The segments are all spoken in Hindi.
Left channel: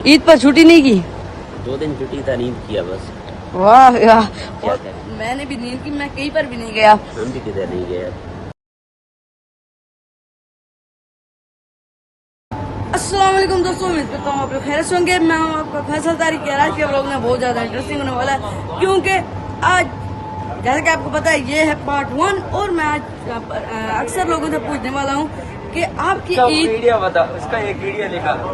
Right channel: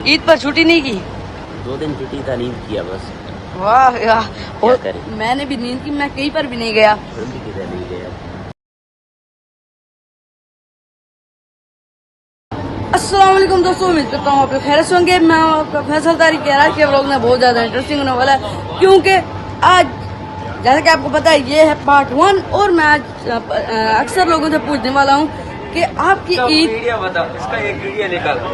ईद पर छुट्टी नहीं की? 2 दिन छुट्टी था, नींद किया बस। वाह यार, क्या करें? मैंने भी नींद की, मैं कहीं पर भी नहीं गया। हम भी किधर नहीं गए। अस्सलाम वालेकुम दोस्तों, उम्मीद करता हूँ आप लोग खैरियत से होंगे। मैं आपका फैसल तारी कह रहा कि व्लॉग में बहुत ज्यादा इंटरेस्टिंग होने वाला है, क्योंकि आज जैसे कि आपको पता है ये है पार्ट 1 और मैं आज अक्सर लोगों से पूछने वाला हूँ कि आपकी ईद इसका एक वीडियो निकालो,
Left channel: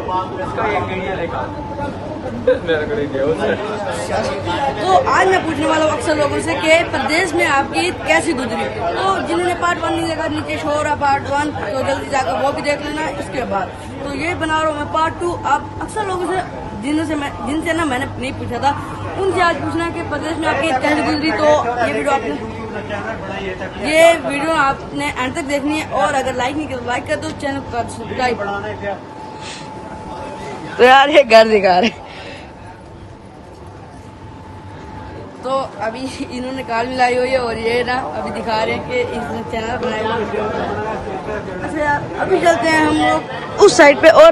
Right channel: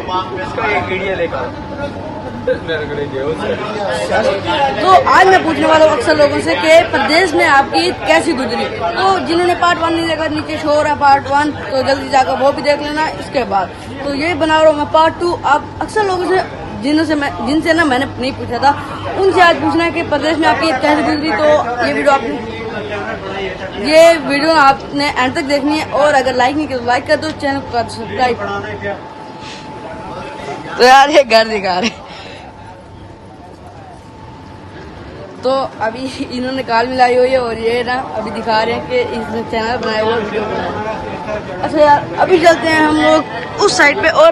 तो आज मैं पूछने वाला हूँ अक्सर लोगों से कि प्रदेश में आपकी ईद कैसी गुजरी। तो जिन्होंने पार्ट 1 नहीं देखा, नीचे शो हो रहा है पार्ट 1, तो जल्दी जाकर वो भी देख लेना। इसके बाद तो यही बना रहा हूँ मैं पार्ट 2। आप अक्सर लोगों से जिनसे ना मैंने नहीं पूछा था, उनसे आज पूछना है कि प्रदेश में आपकी ईद कैसी गुजरी। तो ये वीडियो आपने एंड तक देखनी है, और अगर लाइक नहीं किया तो लाइक कर दो, चैनल को सब्सक्राइब। तो यार ये घर दिखा रहे, तो अभी इन्होंने काल मिलाई हुई है और ये ना अभी दिखा रहे हैं कि इसने चैनल बनाया हुआ वीडियो बनाया। अच्छा यार, अभी चलते हैं हम लोग उस साइड पे, और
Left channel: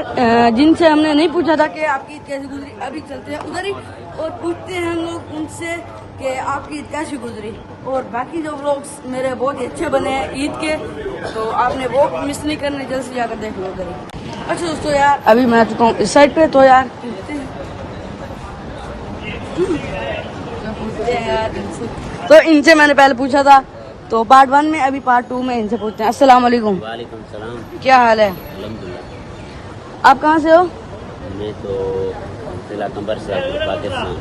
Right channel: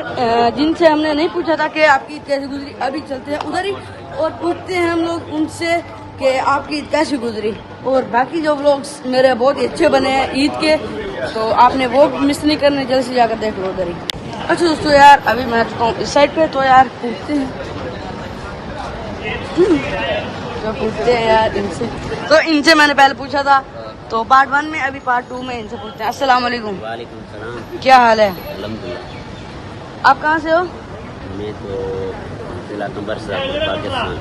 जिनसे हमने नहीं पूछा था कि आपकी ईद कैसी गुजरी, अभी चलते हैं उधर ही और पूछते हैं हम लोग उनसे कि आपकी ईद कैसी गुजरी। और बाकी जो व्लॉग्स मेरे बहुत ही अच्छे बने हैं ईद के, तो आपने वो मिस नहीं करने, जल्द से जाकर देख लो उधर ही। अच्छा दोस्तों यार, अभी मैं आ चुका हूँ इस साइड पे, तो यार पूछते हैं यार इनसे। तो इनसे मैंने पहले पूछा था तो पार्ट 1 में, अभी पार्ट 2 में इनसे पूछते हैं। अस्सलाम वालेकुम। वालेकुम सलाम। क्या हाल है? अल्हम्दुलिल्लाह। आप कहाँ से हो? मैं तो जिला कंबरसापुर, पाकिस्तान।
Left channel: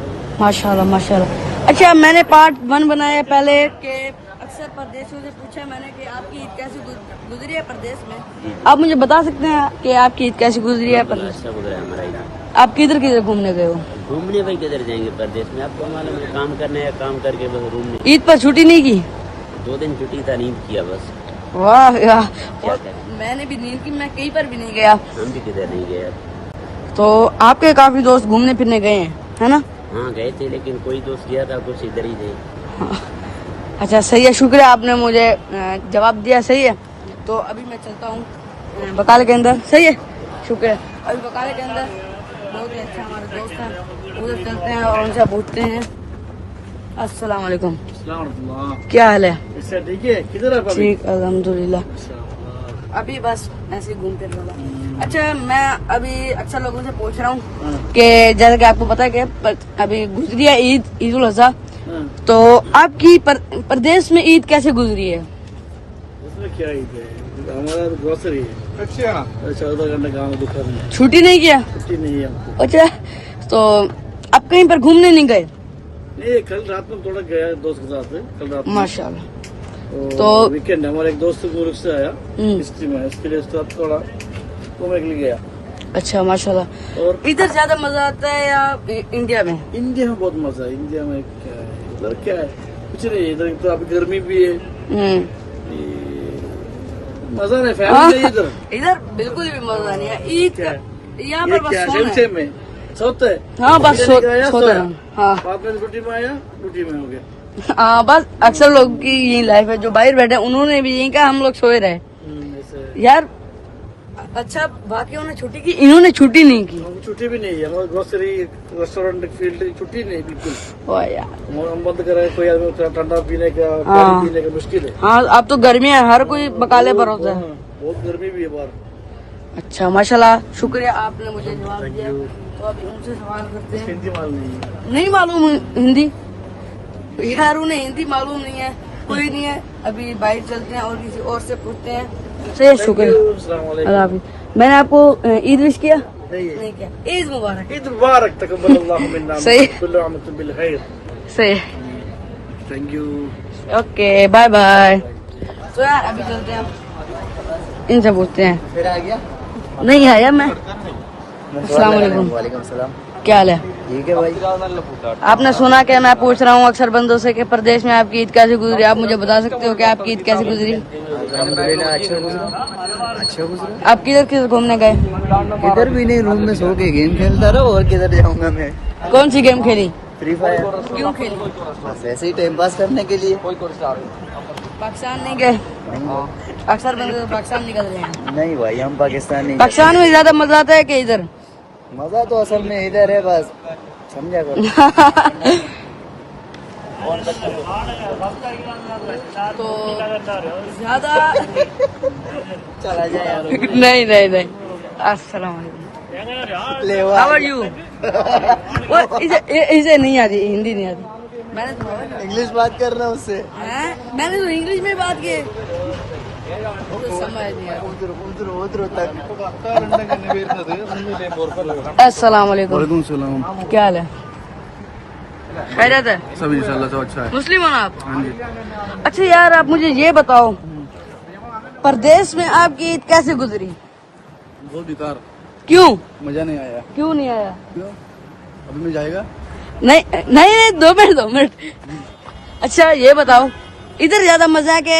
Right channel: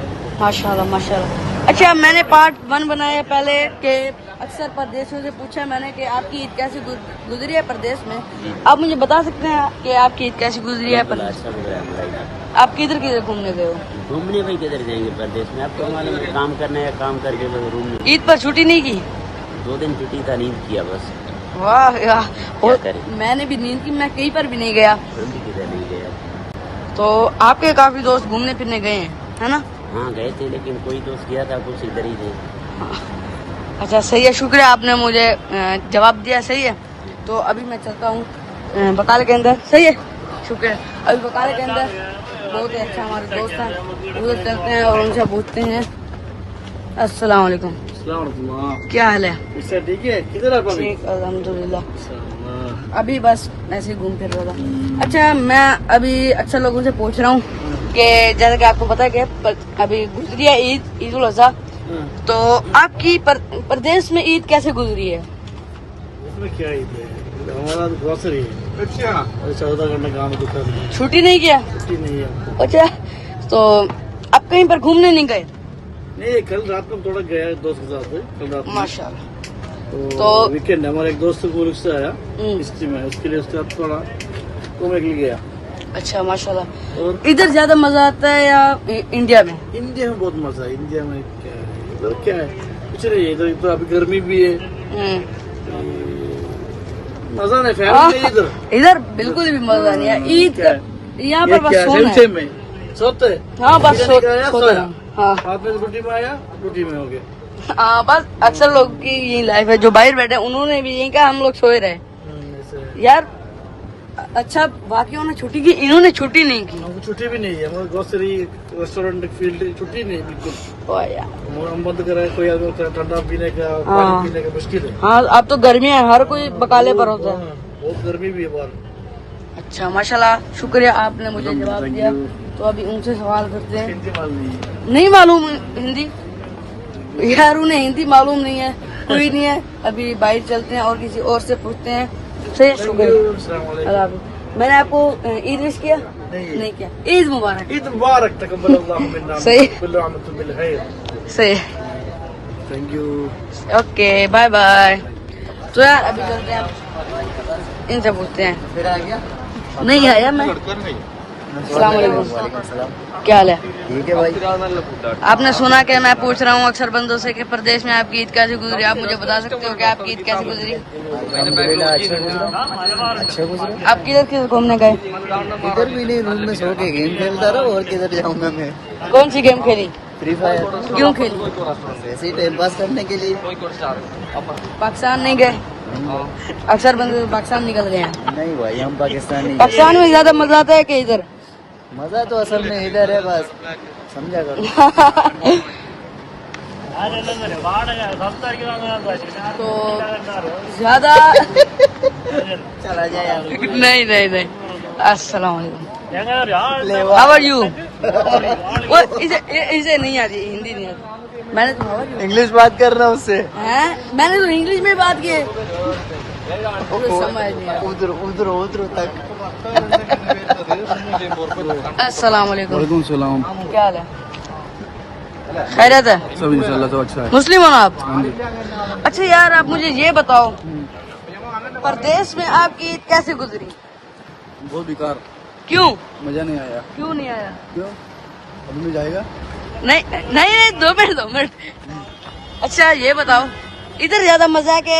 माशाल्लाह माशाल्लाह। अच्छा, मैंने पार्ट 1 बनाया पहले कि अक्सर प्रदेशों से पूछा मैंने कि आपकी ईद कैसी गुजरी है प्रदेश में। आप मुझे बता सकते हैं कि आपकी ईद कैसी गुजरी है प्रदेश? अच्छा गुजरा है हमारा ईद। आप किधर किधर घूमने गए हो? घूमने भाई किधर जाएंगे प्रदेश में, अब तो मालूम है काम करने है, काम करके बस रूम में। ईद पर छुट्टी नहीं की? 2 दिन छुट्टी था, नींद किया बस। वाह यार, क्या करें? मैंने भी नींद की, मैं कहीं पर भी नहीं गया। हम भी किधर नहीं गए। तो आपके काफी दोस्त घूमने फिरने गए हैं, है ना? हाँ गए थे, लेकिन कोई दोस्त गया था, कुछ इधर ही थे। अच्छा सही है, शुक्रिया आपने मुझे जवाब दिया। सही है, तो अभी मैं चलता हूँ बकाले के अंदर। सही है, शुक्रिया। अभी बकाले के अंदर बहुत ही अच्छा हमारे दोस्त हैं, उधर चलते हैं और उनसे पूछते हैं। अस्सलाम वालेकुम। क्या हाल है? ठीक है, किधर है अभी? ठीक अल्हम्दुलिल्लाह। अभी बस ऐसे ही घूम फिर रहा था। अच्छा, मैं अभी अक्सर लोगों से पूछ रहा हूँ कि जैसे कि आपको पता है कि अभी गुजरी है ईद उल अज़हा, तो आपकी प्रदेश में ईद कैसे गुजरी है? उसमें क्या ईद है, हमारा तो ग्रोसरी है। 14 घंटे काम है, दुकान में। छुट्टी नहीं किया? छुट्टी नहीं है आपको। अच्छा, तो अब कहीं पर घूमने नहीं गए? नहीं, कल रात में थोड़ा गया दोस्त के साथ, कल रात में। माशाल्लाह। तो वीकेंड हमारे एक दोस्त मुल्क से आया हिस्ट्री में, उसके लिए उसके साथ थोड़ा घूमने के लिए गया। अच्छा माशाल्लाह। और इधर ज्यादा मजा आता है या इंडिया में? इंडिया में बहुत मजा है। इंडिया में क्या है, इधर क्या है, कुछ नहीं है। इधर तो अभी गर्मी भी है, मजा नहीं। फैमिली नहीं इधर, इधर बिल्कुल भी मजा नहीं है ईद का। यहाँ पर बस सोना है। में सोते हाँ, बस बिरयानी खाया, सोया, हाँ। बाद में रोटी में आया, रोटी में हो गया। हाँ, बस अक्सर लोग की यही लाइफ है। जो बाहर बैठे उन्होंने भी यही कहा, हम लोग सोए रहे ऐसे यार। अच्छा, बाकियों ने छुट्टी की, इन्होंने छुट्टी नहीं की। हमको छुट्टी भी नहीं है। हमारे ग्रोसरी रेस्टोरेंट फील्ड छुट्टी नहीं बिल्कुल। वाह यार। हम बंद करा, कोई आदमी ठंडा पीने का, पानी पीने का मुश्किल है। हाँ, अब तो गर्मी है, हर कोई बकाले पर होता है। बहुत गर्मी भी है बाहर। अच्छा माशाल्लाह, शुक्रिया आपने मुझे जवाब दिया। तो अभी उनसे सवाल करते हैं। नहीं मालूम हिंदी यार, उन्हें हिंदी मालूम नहीं है, कोई नहीं है। अभी बाहर चलते हैं और किसी और से पूछते हैं। सही, शुक्रिया। मैंने आपको ईद विश किया? नहीं किया। ईद मुबारक। ईद मुबारक, तकब्बलल्लाहु मिन्ना सही। कुल्लु आम वअंतुम बिल खैर। सही, thank you. Okay, bye bye. तो यार अभी चलते हैं, इनसे पूछते हैं। फिर आ गया? नहीं आया मैं। वालेकुम सलाम। क्या हाल है? ठीक है भाई। आपने सुना कि मैं पूछ रहा हूँ अक्सर बंदों से कि प्रदेश में आपकी ईद कैसे गुजरी। आप मुझे बता सकते हो कि आपकी ईद कैसे गुजरी? अच्छा गुजरा। आप किधर किधर घूमने गए? इधर भी नहीं, रूम में सो के गेम खेलता रहा, और किधर जाऊंगा मैं। कौन सी गेम खेली? Free fire. क्यों खेली? वैसे ही टाइम पास करने के लिए। पाकिस्तान नहीं गए? नहीं अक्सर बंदे तो पाकिस्तान निकल गए हैं। नहीं भाई, हम पाकिस्तान नहीं गए। पाकिस्तान में ज्यादा मजा आता है कि इधर? मजा तो असल में इधर है, बस समझा करो। तो ज्यादा चला जाए यार। नहीं नहीं नहीं। अस्सलाम वालेकुम, हाउ आर यू? वो इसे नहीं आती, हिंदी नहीं आती। मैंने तो how are you? इंग्लिश बात कर रहा हूँ उससे। हैं? मैंने तो इंग्लिश में बात की, उसे समझ नहीं आती। उधर तक। अस्सलाम वालेकुम। वालेकुम सलाम। क्या हाल है? खैरियत है? सब इंशाल्लाह तो अच्छा है। मुस्लिम हो ना आप? अच्छा यार, आप मुझे ये बताओ, परदेश में आपकी ईद कैसे गुजरी? बहुत बेकार, क्यों? मजा नहीं आया। क्यों नहीं आया? क्यों? अभी में जाएगा? नहीं नहीं नहीं, 2 मिनट। अच्छा ये बताओ, इधर ज्यादा मजा है कि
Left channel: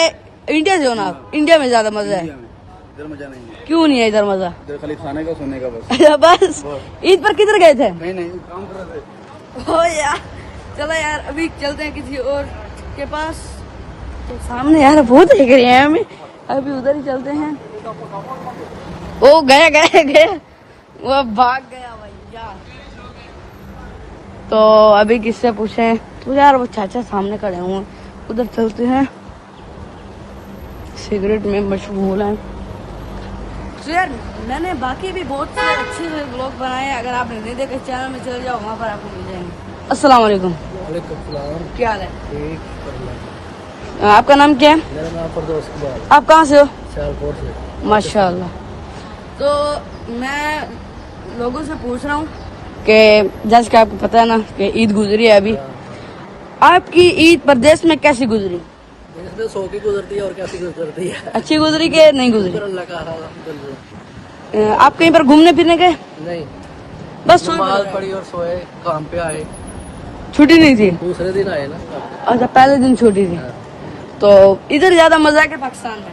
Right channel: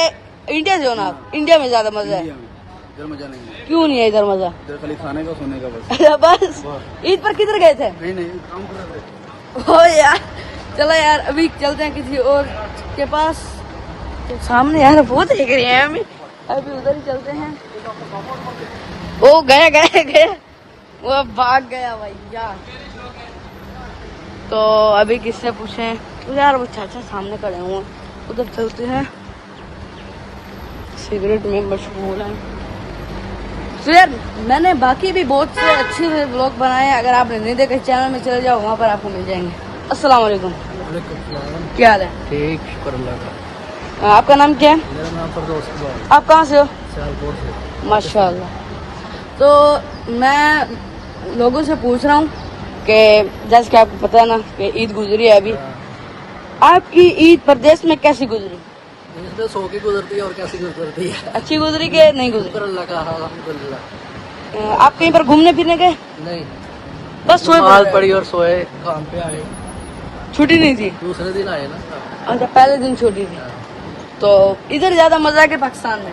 इंडिया से होना? इंडिया में ज्यादा मजा है। इंडिया में इधर मजा नहीं है। क्यों नहीं है इधर मजा? इधर खाली खाने का सोने का बस। बस ईद पर किधर गए थे? नहीं काम कर रहे थे। ओ यार, चलो यार अभी चलते हैं किसी और के पास। तो सामने है, बहुत दिख रही है हमें, अभी उधर ही चलते हैं। ओ गए, वो भाग गया भाई यार। तो अभी किससे पूछे तो यार, वो चाचा सामने खड़े होंगे, उधर चलते हैं। सिगरेट में मशहूर हूँ। तो यार मैंने बाकी भी बहुत से अच्छे व्लॉग बनाए हैं, अगर आपने नहीं देखे चैनल में चले जाओ, वहाँ पर आपको मिल जाएंगे। अस्सलाम वालेकुम। क्या हाल है? ठीक, आपका नाम क्या है? मेरा नाम परदोस कुमार। आप कहाँ से हो? सियालकोट से। माशाल्लाह। तो मैं लोगों से पूछ रहा हूँ कि जैसे कि आपको पता है ना कि ईद गुजरी है अभी, आपकी ईद प्रदेश में कैसी गुजरी? इसमें 100 की गुजरती है और कैसी गुजरती है। अच्छी गुजरी के नहीं गुजरी? अल्लाह का अल्हम्दुलिल्लाह। आप कहीं पर घूमने फिरने गए? नहीं, बस सोए नमाज पड़े? पढ़ी और सोए, काम पे आए। छुट्टी नहीं थी? दूसरे दिन आए ना। अच्छा, पहले दिन छुट्टी थी। तो इधर ज्यादा मजा के पाकिस्तान में?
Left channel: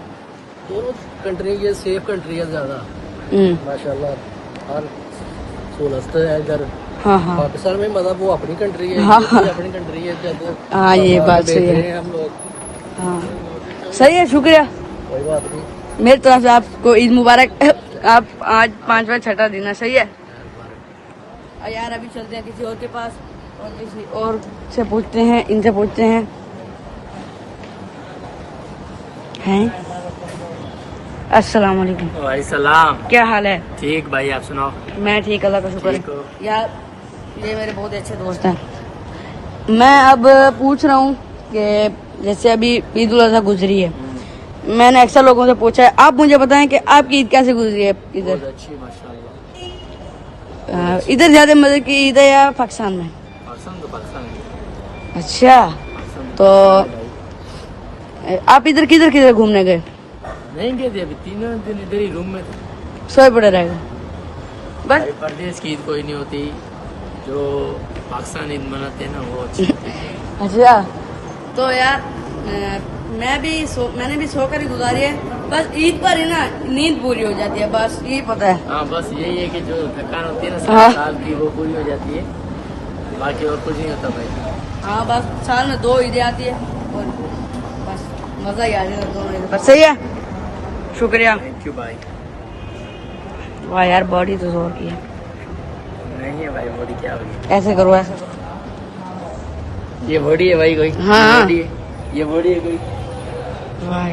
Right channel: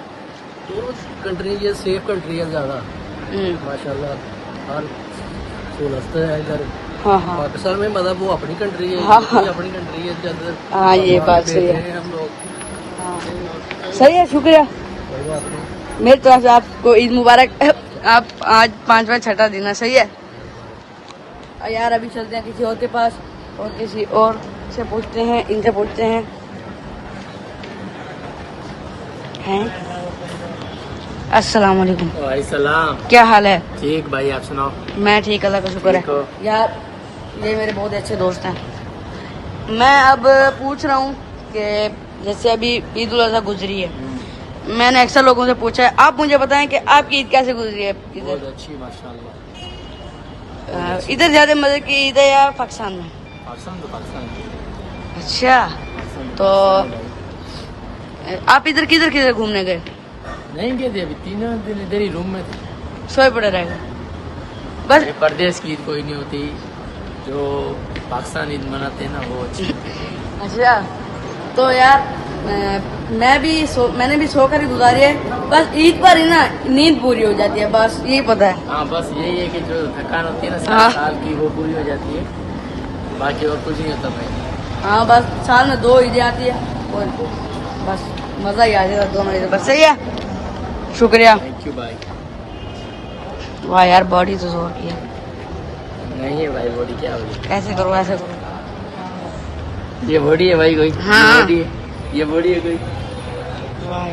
दोनों कंट्री ये सेफ कंट्री है ज्यादा माशाल्लाह। हर सहूलत है इधर। हाँ। पाकिस्तान में मतलब वो अपनी कंट्री है, ये अपनी कंट्री है। जब हाँ, ये बात बैठे सही है। हैं हम लोग। सही है, शुक्रिया। कोई बात नहीं। मेरी तरफ से आपको ईद मुबारक। आप आज 5वां छठा दिन है, सही है यार। अभी चलते हैं किसी और के पास और किसी और से पूछते हैं, इनसे पूछते हैं। अस्सलाम वालेकुम। भाई सलाम। क्या हाल है? ठीक भाई, आप सुनाओ। मैं ठीक, अल्लाह का शुक्र ठीक हो? है। यार ये मेरे बहुत अच्छे दोस्त हैं। मैं अब पूछ रहा हूँ कि जैसे अभी ईद उल अजहा गुजरी है, मैंने अक्सर लोगों से पूछा है, आप मुझे बताएं कि आपकी ईद कैसे गुजरी है? बहुत अच्छी माशाल्लाह। इधर ज्यादा मजे की ईद है या पाकिस्तान में? पाकिस्तान। अच्छा, तो आप इधर किधर किधर घूमने गए? नहीं गए थे, अभी 3 दिन इधर ही रूम में थे। सोए पड़े रह गए बस? परदेश की ईद कोई नहीं होती, जो पाकिस्तान ईद मनाते हैं ना वो अच्छी होती है। अच्छा, तो यार मैंने भी सोकर ही गुजारी है, बस ईद पर ही ना नींद पूरी हो जाती है, बस यही पता है। हाँ, बस यही है कि जो थकान होती है ना हाँ। साल की, वो पूरी हो जाती है, बाकी और कुछ नहीं होता भाई। हाँ, बस साल में 2 ईदें आती है और बस मजा ही आ जाएगा दोनों ईद पर। सही है, शुक्रिया। थैंक यू भाई। वाह यार, बॉडी तो जोर की है। नहीं है भाई, बॉडी क्या होगी? ऐसे करो, ऐसे करो। ये बॉडी है भाई कोई? हाँ। बॉडी है, ये बॉडी है कोई?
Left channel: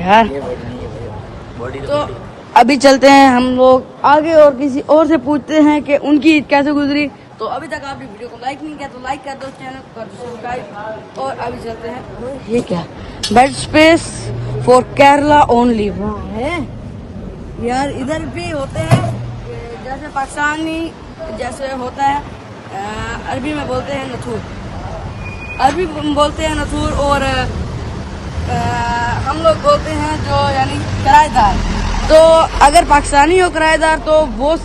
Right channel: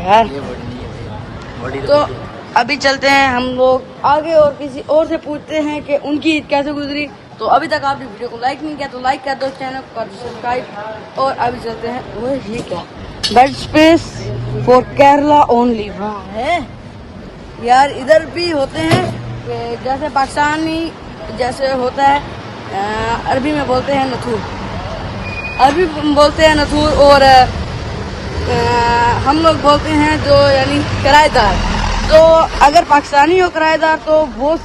यार ये बॉडी नहीं है भाई, बॉडी तो अभी चलते हैं हम लोग आगे और किसी और से पूछते हैं कि उनकी ईद कैसे गुजरी। तो अभी तक आपने वीडियो को लाइक नहीं किया तो लाइक कर दो, चैनल को कर दो सब्सक्राइब। और अभी चलते हैं, वो ये क्या bed space for Kerala only है यार। इधर भी होते हैं कि जैसे पाकिस्तानी जैसे होता है, अरबी में बोलते हैं नथूर, अरबी में बोलते हैं नथूर, और हम लोग बोलते हैं जो यानी किराएदार। तो अगर पाकिस्तानी हो किराएदार तो वो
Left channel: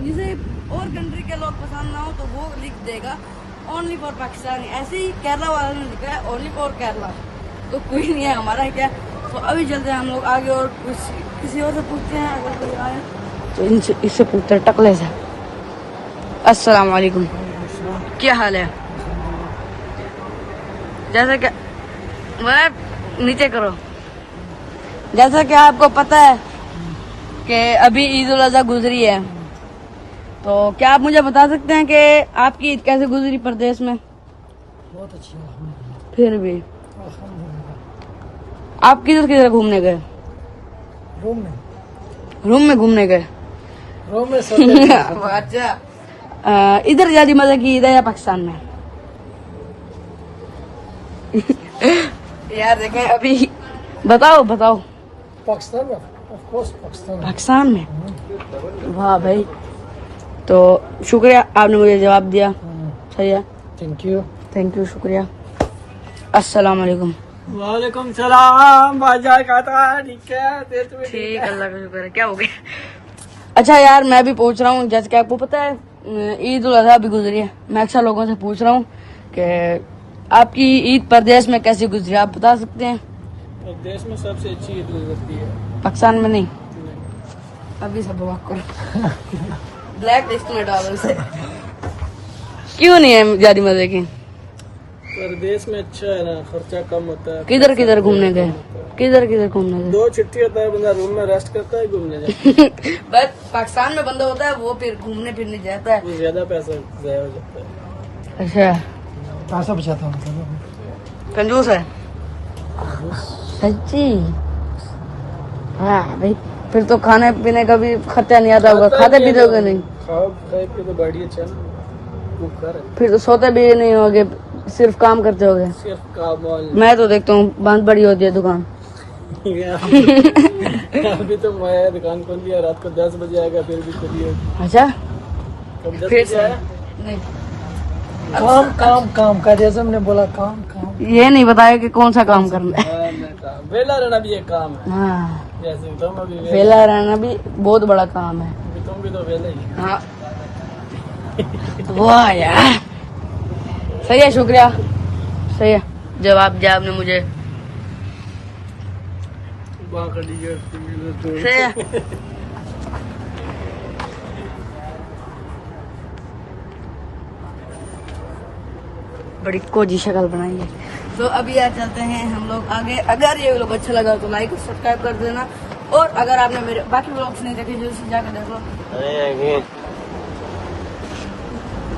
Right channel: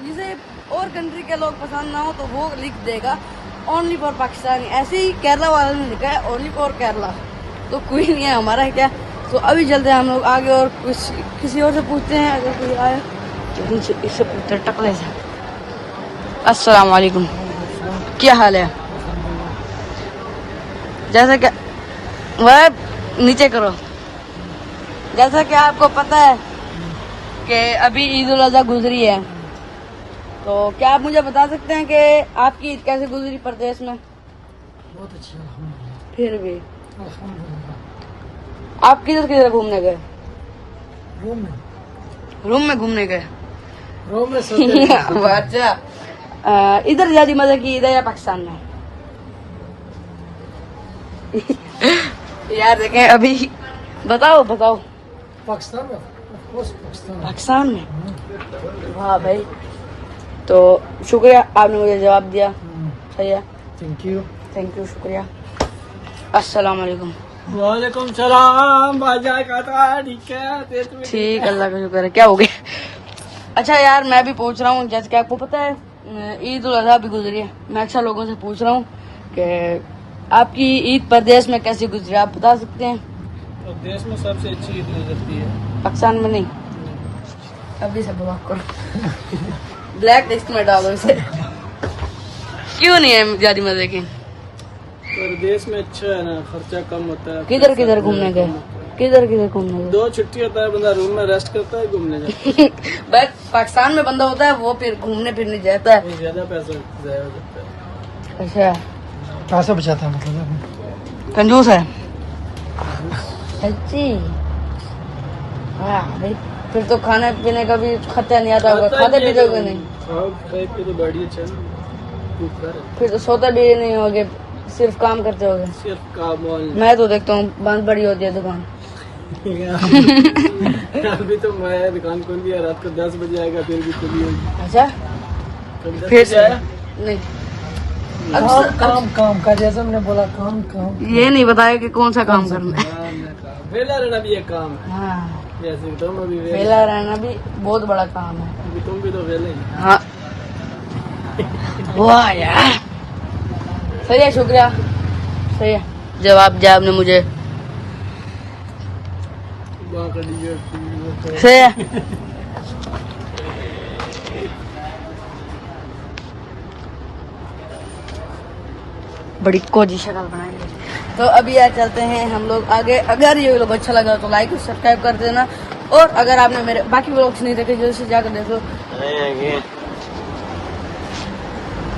जिसे और कंट्री के लोग पसंद ना हो तो वो लिख देगा ओनली फॉर पाकिस्तानी। ऐसे ही केरला वाला ने लिखा है ओनली फॉर केरला, तो कोई नहीं है हमारा है क्या। तो अभी चलते हैं हम लोग आगे और किसी और से पूछते हैं, अगर कोई आए तो इससे पूछते हैं टकले से। अस्सलाम वालेकुम, क्या हाल है? जैसा कि वह नीचे करो, जैसा कि आपको पता है कि अभी ईद उल अजहा गुजरी है, तो क्या आप मुझे बता सकते हैं कि आपकी ईद कैसे गुजरी प्रदेश में? बहुत अच्छा। फिर भी आप किधर किधर घूमने गए? रूम में घूमने गए। रूम में अच्छा, इधर ज्यादा मजा की ईद है या पाकिस्तान में? यार देखें अभी बताओ पाकिस्तान में ऑफ कोर्स पाकिस्तान में। हाँ भाई, तो शुक्रिया आपने मुझे जवाब दिया। सही है, थैंक यू। शुक्रिया। अस्सलाम वालेकुम। वालेकुम सलाम भाईजान, ठीक, अल्लाह का शुक्र है। क्या हो गया? अच्छा यार, मैं भी पूछ रहा हूँ, जैसे कि आपको पता है ईद उल अजहा भी गुजरी है, मैं अक्सर लोगों से पूछ रहा हूँ कि आपकी ईद प्रदेश में कैसी गुजरी, आप बता सकते हैं? देश में सबसे अच्छी ईद गुजरती है, पाकिस्तान में नहीं। अभी सब बवाक करो, ब्लैक लिस्ट में डालो इसे। क्यों नहीं है ज्यादा मजे की? प्रदेश में अच्छा है ना, खर्चा कम होता है। किधर किधर घूमने गए? 2 छुट्टी होता है, बंदा रूम में रेस्ट करता है, घूमने जाता बस पाकिस्तान में बंदा होता है वो फिर घूमने फिरने जाता है। है, ज्यादा पैसा जाया हो जाता है। अच्छा, पैसा बचाता है मतलब, कंजूस है सच्ची। हाँ भाई, फिर तो खाने पीने का भी खर्चा नहीं आता होगा, खाते पीते होगा नहीं? खाए पे तो बढ़िया चल, फिर तो सोते भी नहीं होगे, सिर्फ काम करते होगे। सिर्फ काम वाल। मैं तो देखता हूँ बहुत बड़ी होती है दुकान। अभी तो मैं दुकान खोल दिया, रात को 10 बजे आएगा, फिर भी खुली होगी। अच्छा, कभी 10 फिर बजे से आया? नहीं, काम का जैसा हमने बोला, काम ये नहीं बताया कि कौन सा काम करना है। वेला रहना भी एक काम है, हाँ, जैसे तुम अभी वेला रहना भी बहुत बड़ा काम है। अभी तुम भी तो वेला ही। हाँ वाह यार, सही है, शुक्रिया। सही है, जवाब दिया आपने मुझे। सही है। बड़ी कोजी शक्ल बनाएंगे। तो अभी यार चलते हैं हम लोग आगे। अगर ये लोग अच्छा लगा तो लाइक और सब्सक्राइब कर देना, और अगर आपने मेरे बाकी व्लॉग्स नहीं देखे जल्दी से जाकर देखो।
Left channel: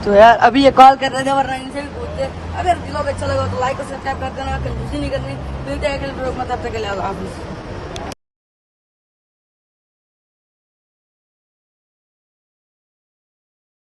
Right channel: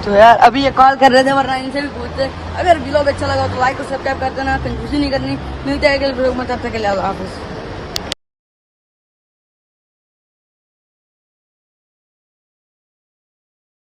तो यार अभी ये कॉल कर रहे थे, वरना इनसे भी पूछते। अगर व्लॉग अच्छा लगा तो लाइक और सब्सक्राइब कर देना, कंजूसी नहीं करनी। मिलते हैं अगले व्लॉग में, तब तक के लिए अल्लाह हाफिज़।